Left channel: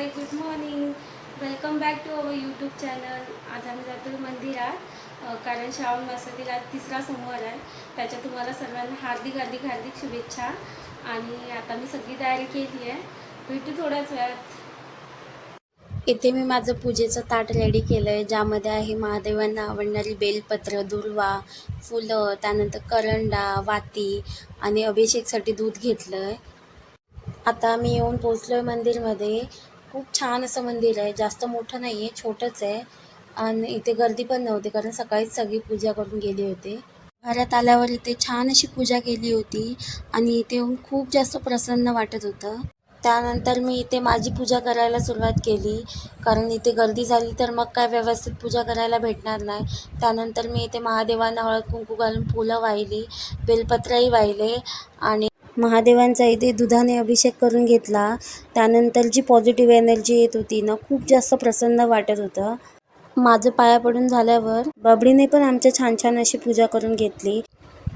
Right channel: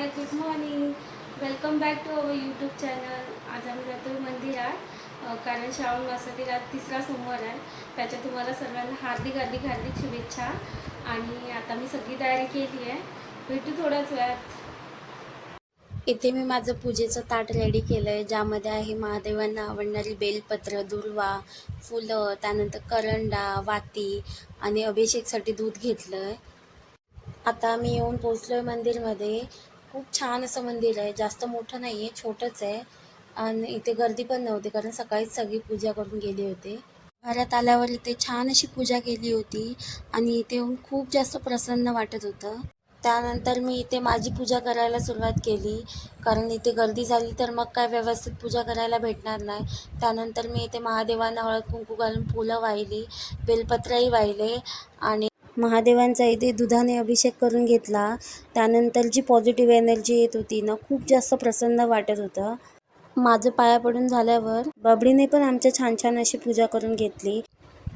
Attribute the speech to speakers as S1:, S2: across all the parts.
S1: Hi good morning welcome back to our YouTube channel आज आम्ही जातो मंदिरात. कारण श्रावण मासातील आज तिसरा सोमवार आहे. त्याच्या तुम्हाला सर्वांना हार्दिक हार्दिक हार्दिक शुभेच्छा. आणि आता मी सगळी तयारी केली आहे. भेटू थोड्याच वेळात.
S2: इथे मी माझं पूजेचं ताट रेडी केलं आहे ज्यामध्ये आहे महादेवांना आवडणारी बेलपत्र दुर्वा फुलं त्यानंतर करंडा वाती आणि अभिषेकसाठी दूध घेतलं आहे आता मी येऊन पोचलो आहे मंदिरमध्ये. खूप छान असं मंदिर आहे. जास्त मोठं नाही आहे छोटंच आहे. आणि इथे गर्दी पण नव्हती कारण सकाळीच सगळी पूजा करून गेली होती. घरात आल्यावर इथे छान अशी पूजा केली होती आणि इथे येऊन खूप जास्त प्रसन्न वाटत होतं. त्यानंतर मी इथे माझी पूजा करायला सुरुवात केली. कारण इथे गर्दी झाली तर मग काय व्यवस्थित पूजा करायला भेटणार नाही. त्यानंतर मी इथे महादेवांना हळद कुंकू घालून फुलं वाहिली बेलपत्रही वाहिले आणि महादेवांचा इथे दुधाने अभिषेक करून घेतला. त्यानंतर जी पॉझिटिव्ह एनर्जी येत होती ना खूप जास्त प्रसन्न वाटत होतं. माझं पाया पडून झाल्यावर बबडीने पण आमच्या छान छान अशी पूजा करून घेतली.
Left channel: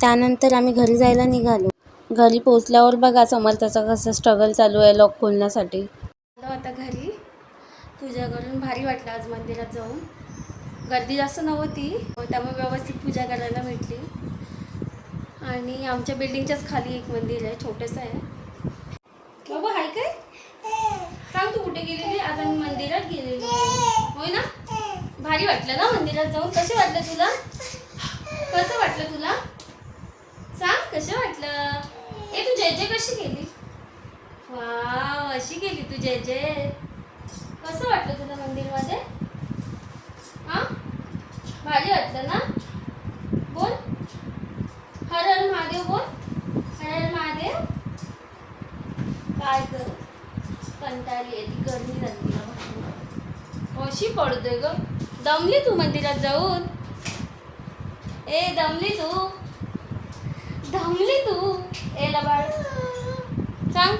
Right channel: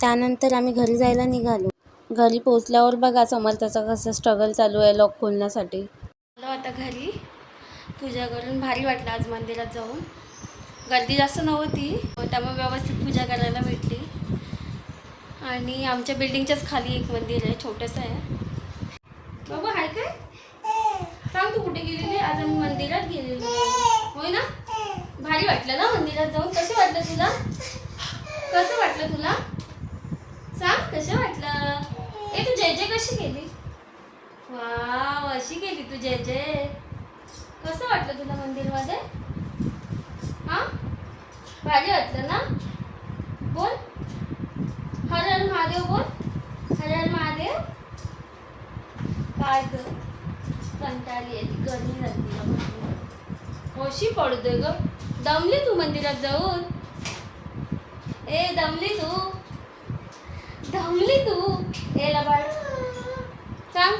S2: त्यानंतर आम्ही घरी जायला निघालो. घरी पोचल्यावर बघा समर्थाचा कसं स्ट्रगल चालू आहे लॉक खोलण्यासाठी.
S1: आलो आता घरी. पूजा करून भारी वाटलं आज मंदिरात जाऊन. गर्दी जास्त नव्हती त्यामुळे व्यवस्थित पूजा करायला भेटली. आणि आमच्या बिल्डिंगच्याच खाली एक मंदिर आहे छोटंसं आहे. बाबा हाय काय? सांग तू कुठे गेलेली? आज आम्ही मंदिरात गेलेलो. होय ना? भारी वाटलं ना मंदिरात जाऊन? कसं वाटलं तुला? कसं वाटलं तुला? सांग कसं वाटलं? ए तू जय जय कशी गेली वा अशी गेली तू जय जय. कसं वाटलं तुला मंदिरमध्ये? हा? भारी वाटलं ना? आज कंटाळली कंटाळी आहे ती गर्मी झाली कशी पडतोय ग? दमली तू मंदिरात जाऊन. ए दमली तू. दमली तू. ए लबाड. सांग.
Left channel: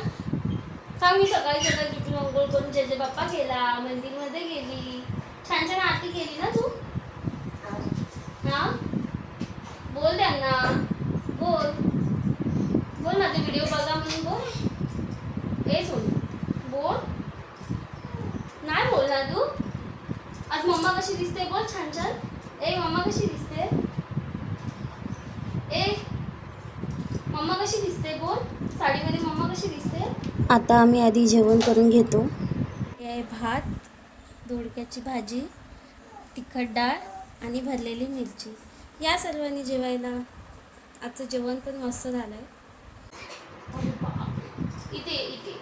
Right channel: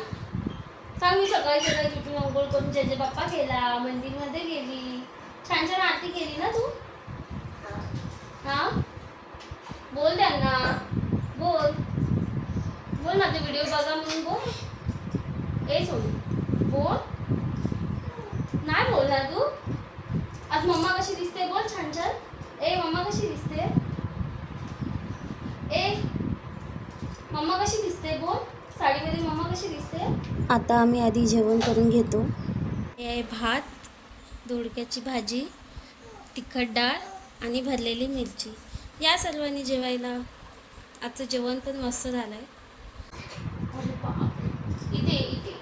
S1: सांग मी सकाळी सकाळी उठून अंघोळ करून जेजे बाप्पा केला मंदिरमध्ये गेली. छान छान आरती केली ना तू? हा? बोल त्यांना. बोल. बोल माझे व्हिडिओ बघा म्हणून बोल. ए सोड. बोल. नाही बोलणार तू. आज मम्मा कशी दिसते? बोल छान छान. ए मम्मा कशी दिसते? ए मम्मा कशी दिसते? बोल. साडीमध्ये मम्मा कशी दिसते?
S2: आता आम्ही आधी जेवण करून घेतो. हे आहे भात दोडक्याची भाजी तिखट डाळ आणि भरलेली मिरची. या सर्वांनी जेवायला. आजचं जेवण पण मस्त झालं आहे.
S1: इथे इथे.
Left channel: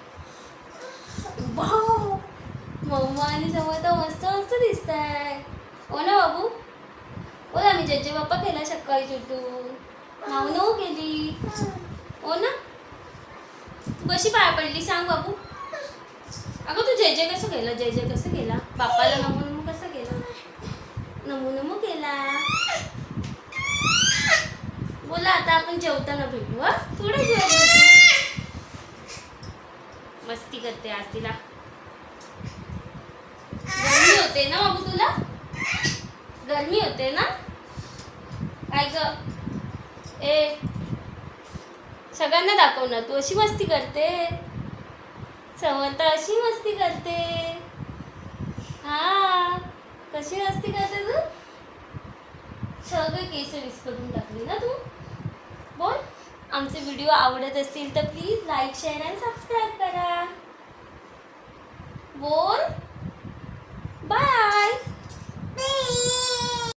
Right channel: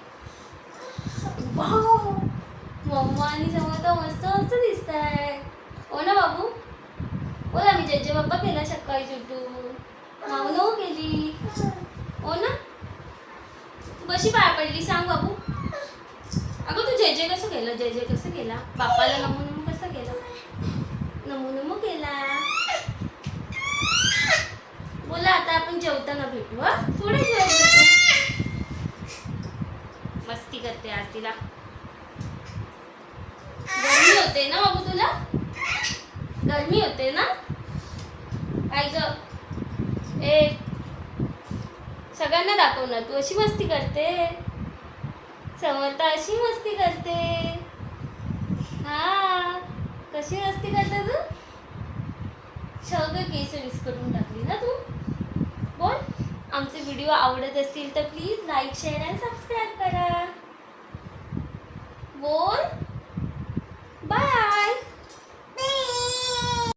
S1: मम्मा आणि समोर तर मस्त मस्त दिसत आहे हो ना बाबू? बोल मी जज्जे बाप्पा केला सकाळी सुटून नाव हो केली. हो ना? तू कशी पाया पडली सांग बाबू. अगं तू जय जय कसं केलं? जय जय कसं केला? बाप्पाला नमो नमो कसं केलं? नमो नमो केला. बोला आता आपण जेवताना भेटू हा? थोडं जेवण मस्ती करते आज तिला. होते ना बाबू तुला? गरमी होते ना? काय ग. ए सगळ्यांना दाखव ना तू अशी मस्ती करते? समर्थ अशी मस्ती करते? हा कशी मस्ती करते तू? सगळे केस करून टाकली ना तू? बोल आमचे व्हिडिओ आवडत असतील तर प्लीज लाईक शेअर आणि सबस्क्राईब करा. बोल.